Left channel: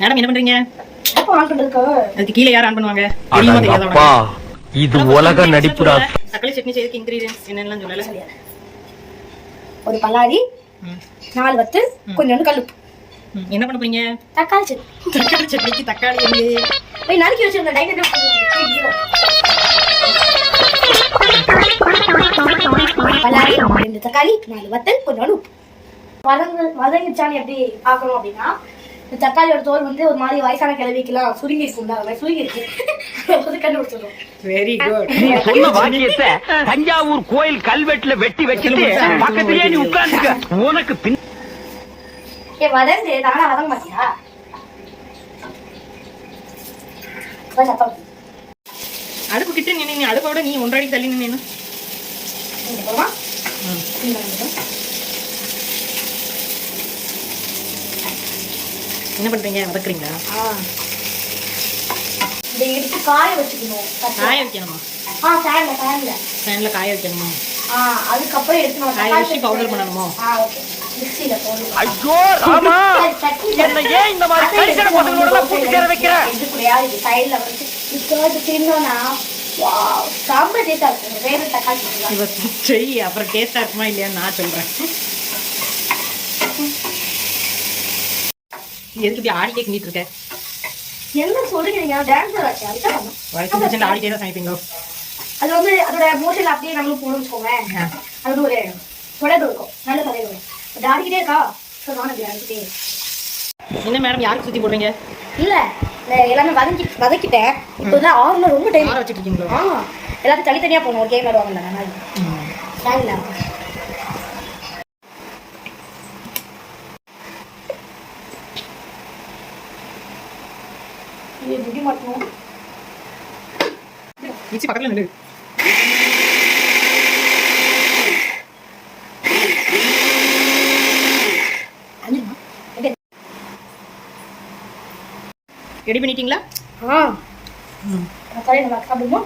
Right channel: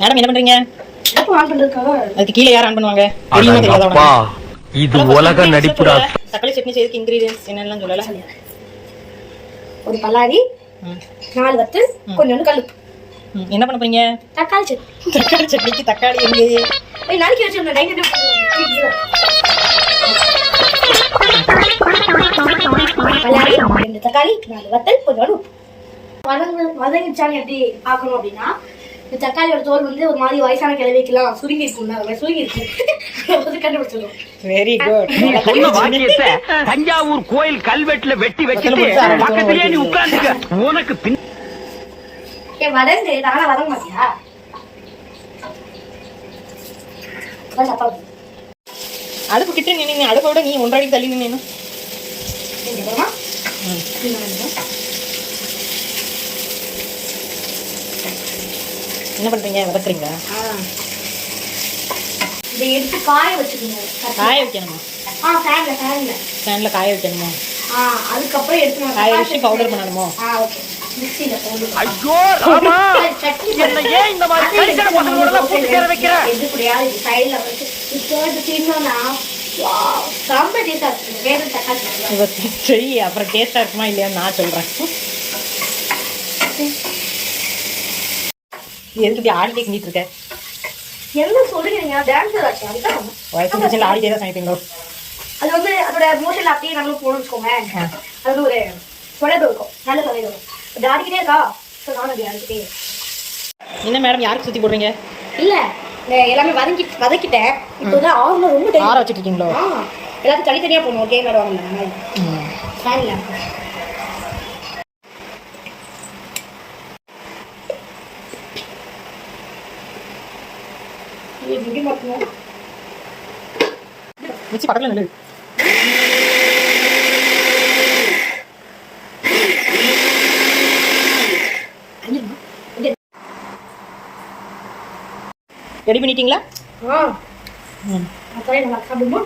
Madam என்ன பண்றீங்க? அதுக்கு கீழே யார் ஆன் பண்ணுவாங்க? இது உலக நடிப்புடா. தக்காளி சட்னி செய்யறதுக்கு இன்கிரிடியன்ட்ஸ் என்னெல்லாம் சொல்லல. ஒரு பல்லாரி, 4 வத்தல், கொஞ்சம் கல்லுப்பு. என்ன பண்ண போறீங்க? தக்காளி சட்னி. தக்காளி சட்னிக்கு தக்காளி எங்க? போய் நாளைக்கு வச்சிருந்தேன். பல்லாரி, 2 தக்காளி, 4 வத்தல், கொஞ்சம் உப்பு. வதங்கிச்சாலும் எப்படி பார்க்கணும் அப்படின்னா, இந்த தக்காளியோட தோல் வந்து ஒரு மாதிரி வயசான கிழவிக்கெல்லாம் சுருங்கி இருக்கும்ல, அந்த மாதிரி சுருங்கி இருக்கு கண்டுபிடிச்சிடும். Very good. சொன்ன வாக்கியத்தை தஞ்சாவூர் கோயில் கல்வெட்டுல வெட்டி வச்சுட்டு பக்கத்திலேயே நீ உட்கார்ந்துக்க. உனக்கு பின் வதந்து தானா வதங்க மாட்டியா? அடுப்பு கிட்ட நின்று அடுப்போட நீ 1.5 அடி தள்ளி நின்று என்ன பண்றீங்க? வதக்குறீங்களா? இதை எடுத்து காய வச்சுக்கணும். காய வைக்கணுமா? ஃபேன்ல காய வைக்கணுமா? அதுக்கப்புறம் எடுத்து காய வச்சு பவுடர் பண்ணணுமோ? மிக்ஸில போடு. ஐயோ ராமா, என்ன ஏன் இந்த மாதிரி கரிசன பசங்களோட எல்லாம் போட்டு சேர வைக்கிற? இது கூடயாவது இது சைடுல வச்சு இது தின்னோம்னா சாம்ப டேஸ்டா இருக்கு. வேற தக்காளி இவ செய், அப்புறம் டேஸ்டா இருக்குமா இல்லையான்னு நான் சொல்றேன். எதுக்கு இப்படி ஆடி கிண்டிட்டு இருக்க? என்ன சொல்றீங்க? டான்ஸ் ஆச்சு அதுதான். வயசு பிரச்சனை ஆடிட்டே தான் சமைப்பீங்களோ? அது வந்து அதோட மோஷன் அப்படியே நம்மளும் போகணும்னு வச்சுக்கோங்க. அது ஒரு தொடர்பு இருக்கும், நல்ல தொடர்பு இருக்கும். இப்படி ஆடிக்கிட்டே இருக்கா, ஸோ நானும் அப்படி ஆடிக்கிட்டே. என்ன மேடம் யாருக்கு சுற்றி போடுறீங்க? இல்லை எல்லாமே வதக்கிட்டேன். இப்போ வந்து ஆறுல ரொம்ப ஆற வச்சுட்டு இருக்கீங்களோ? எல்லாத்தையும் தனித்தனியாக போகணும். கேமரா வரல அந்த மாதிரி ஃபேன் இல்லை. முடி மட்டும் மிச்சி பக்கத்தில் நில்லு. ரெடி பண்ணிட்டீங்களா? சாப்பிடுமா?